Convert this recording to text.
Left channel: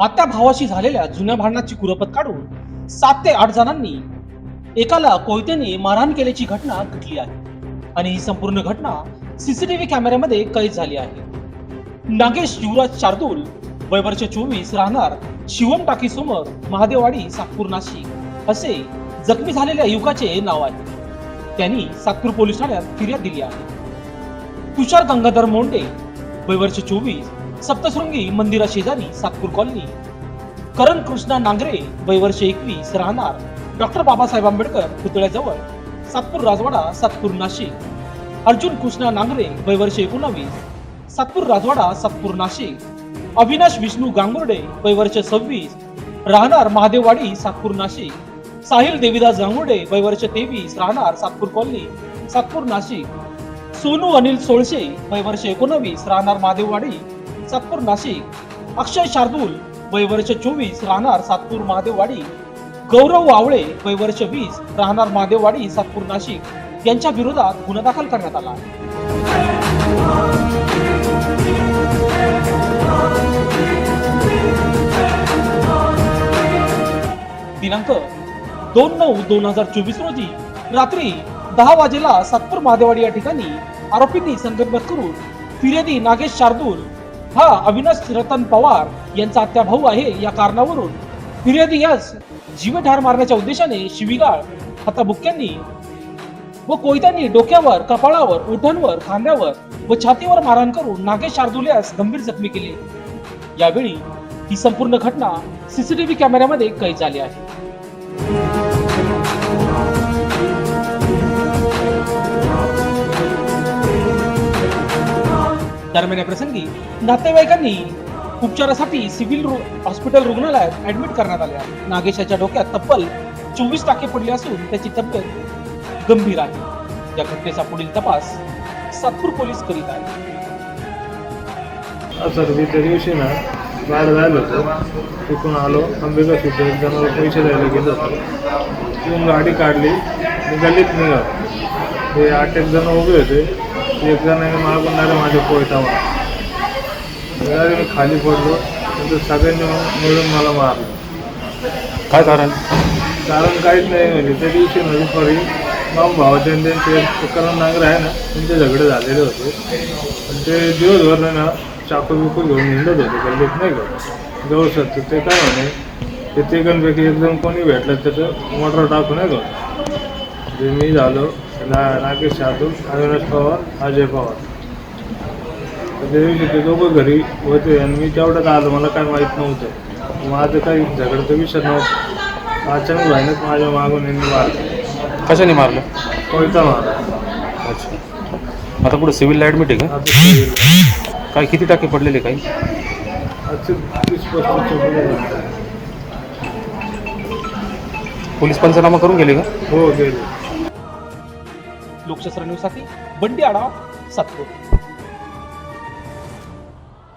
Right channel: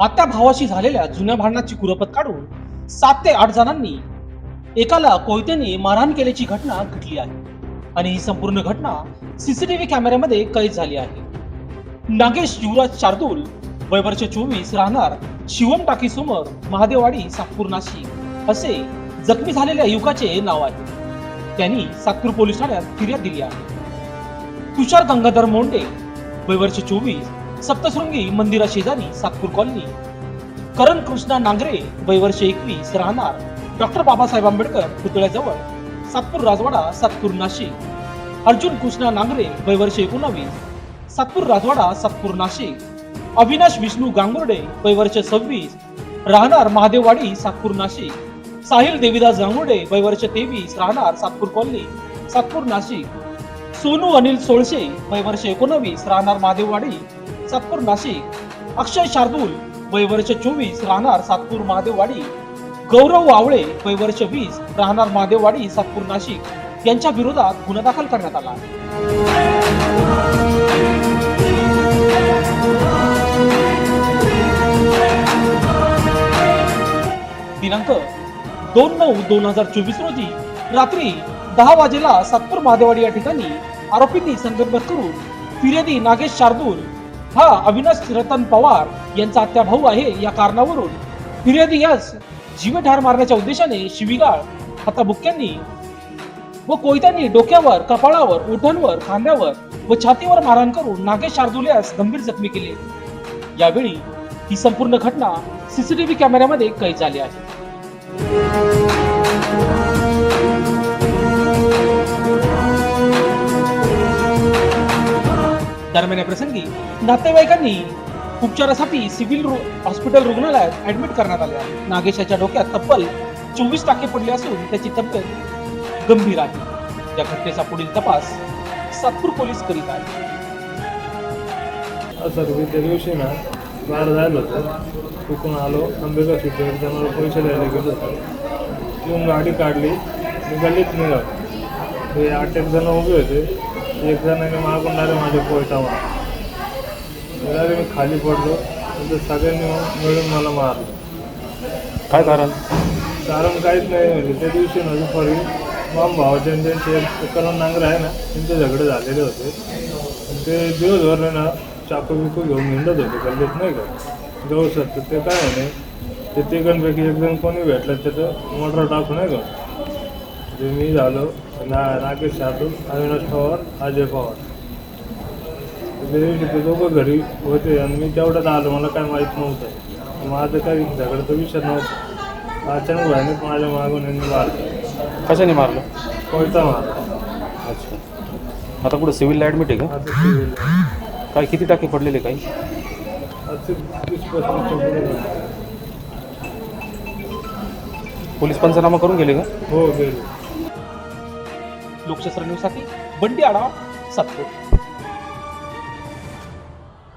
आत्या भावाशी झालेल्या जुन्या भांडणाची कुरपत काढून सात ते आठ जणांनी एकाला कोयत्याने मारहाण केल्याची घटना घडली आहे. आणि ही संपूर्ण घटना सीसीटीव्ही कॅमेऱ्यामध्ये कैद झाली आहे. नागेश युवराज शार्दूल वय वर्ष चोवीस राहणार शिवम टाकी समोर महादेवाडी सातपूर नाशिक असे जखमी झालेल्या युवकाचे नाव आहे. त्यांनी सातपूर पोलीस ठाण्यात फिर्याद दिली आहे. तुषार गंगाधर मोंडे वय वर्ष चोवीस सप्तशृंगी मंदिरा शेजारी सातपूर कॉलनी. करण कृष्णा नांगरे वय वर्ष एकवीस राहणार. डॉक्टर बाबासाहेब आंबेडकर पुतळ्याजवळ सातपूर राजवाडा सातपूर नाशिक. अर्जुन कृष्णा नांगरे वय वर्ष एकोणावीस सातपूर राजवाडा सातपूर नाशिक. अविनाश विष्णू गांगुर्डे वय वर्ष सव्वीस राहणार महादेववाडी सातपूर नाशिक. साहिल देविदास गांगुर्डे वय वर्ष तेवीस राहणार सातपूर कॉलनी सातपूर नाशिक. सोनू अनिल सोळशे वय वर्ष एकोणावीस राहणार महादेववाडी सातपूर नाशिक अक्षय शार्दूल वय वर्ष चोवीस राहणार सातपूर महादेववाडी गौरव वावळे वय वर्ष वीस राहणार महादेववाडी सातपूर नाशिक यांच्या विरोधात गुन्हा दाखल करण्यात आला दिनांक दोन नऊ दोन हजार चोवीस रोजी रात्री दहा वाजेला सातपूर महादेवाडी या ठिकाणी आरोपींनी संघर्ष करून फिर्यादी नागेश शार्दूल हा अविनाश रतन पवार यांचा आत्या भाऊ आहे या कारणावरून. फिर्यादी यास जीवठार मारण्याच्या उद्देशाने शिवीगाळ हाताबुक्क्यांनी व कोयत्यांनी डोक्यावर कपाळावर ओठांवर खांद्यावर व छातीवर मारहाण करून नागेश शार्दूल यास गंभीर जखमी केले. यावेळी ही संपूर्ण घटना सीसीटीव्ही कॅमेऱ्यामध्ये कैद झाली आहे. दरम्यान या प्रसंगी नातेवाईकांनी उपचारासाठी सिव्हिल रु- हॉस्पिटल रुग्णालयात ऍडमिट करण्यात आले आहे. नागेशाच्या डोक्यात तब्बल चोवीस टाके पडले असून त्याची तब्येत गंभीर आहे. या घटनेचा पुढील तपास सातपूर पोलीस करीत आहेत. असं कधी त्या दिवशी ना बाहेर जायला आलो अंबिका सुद्धा एक पैसे द्यायला गेलो तिथून गाडी काढली गल्लीत निघालो हे आठ एक जण उभे होते. एक जणाने मागून आले माझ्या त्यावेळी मी खाली पडलो. नंतर सगळ्यांनी मिळून मला मारलं. काय कारण? कारण काहीच नाही म्हणजे त्या दिवशी म्हणजे सॉरी मामा भावाचे त्यांचे तुकाराम नांगर आहे ना त्यांचे झगडे झालेले होते. ते दिवसभर नाही ना चाकू बिकू घेऊन हिंडत होते गल्लीत नाही का? जवळ शकतो ते काय म्हणे ते तिघांपैकी एकदम कोणी भेटलं त्याचं मोटर टाकून नाही का ते मी झालो. ना नागेश जाधव अविनाश पवार अजय पवार. दिवशी ते दोघं घरी होते आणि मी तेवढ्यात आलो मला काय माहीत नव्हतं. माझं काही झगडतं विषय नव्हतं. अचानक भांडत माझ्या मागून यांनी मारलं. कशाने मारलं? कोयता मारला. अच्छा. आता पुढे सिव्हिलला ॲडमिट आहे का? काय किती टाके पडलेले काही. पोलीस पंचनामा करून गेले का? हो गेले. लोकशास्त्र न्यूजसाठी बंडी आढावा सातपूर.